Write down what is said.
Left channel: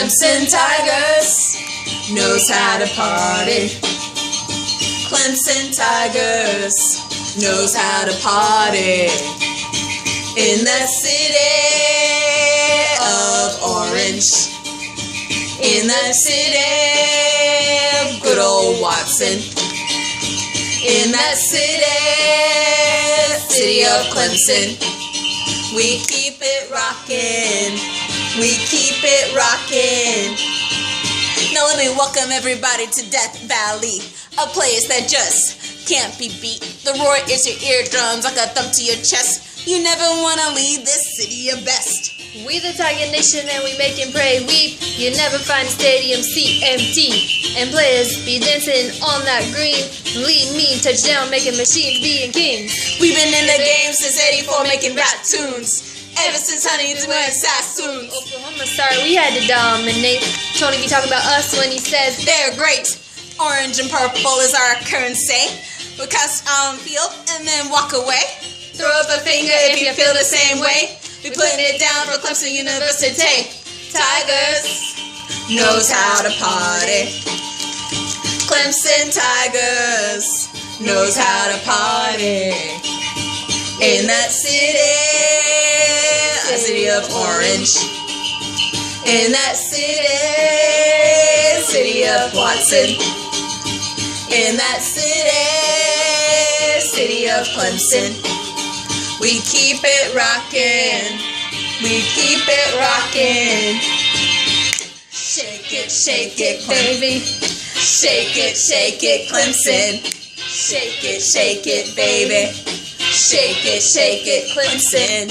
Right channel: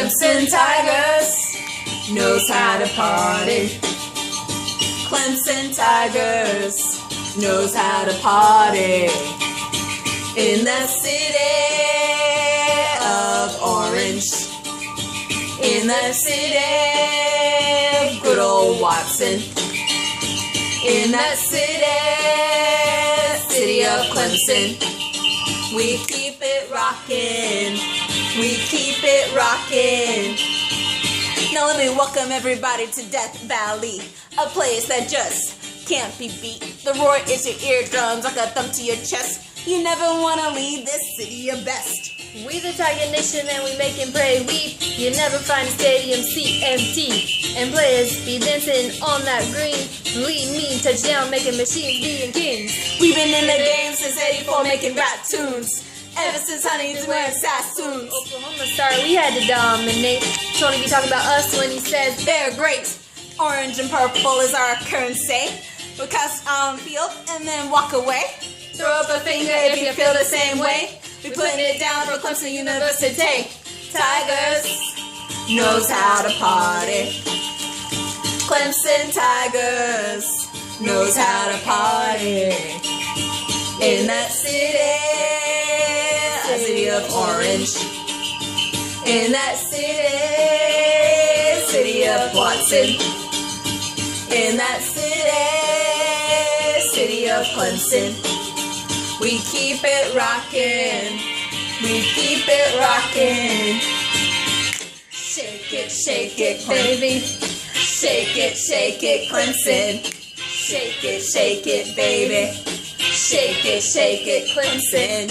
Clemson Tigers knows how to party. Clemson Tigers knows how to party. In the city of Orange, in the city of good old Watson, in the city of Clemson, we keep it rockin', we keep it rockin'. Now let me welcome everybody to Death Valley, a place that just can't be beat. The roar is your eardrums like a thump to your chest. You never wanna leave this city your best. We the Tiger Nation and we make and pray weep. You never find a stadium seat empty. And players be dancing on that green. Lead mean touchdown making machines being kings. We've been in the game since 84 making rap tunes. Ever since Huntington wearing Sassoons. Oklahoma, sorry, we had to dominate. Tony be talking about us when he says they're great. Orange and purple is our currency. We cast on field and then walk away. Throw up a finger if you feel the same way. We putting it down for Clemson University. Tigers knows how to party. Clemson Tigers knows how to party. In that city of Orange. In that city of Watson. In that city of Clemson. We keep it rockin', we keep it rockin'. Shake it, baby. Shake it, Clemson. Shake it, baby. Shake it, Clemson.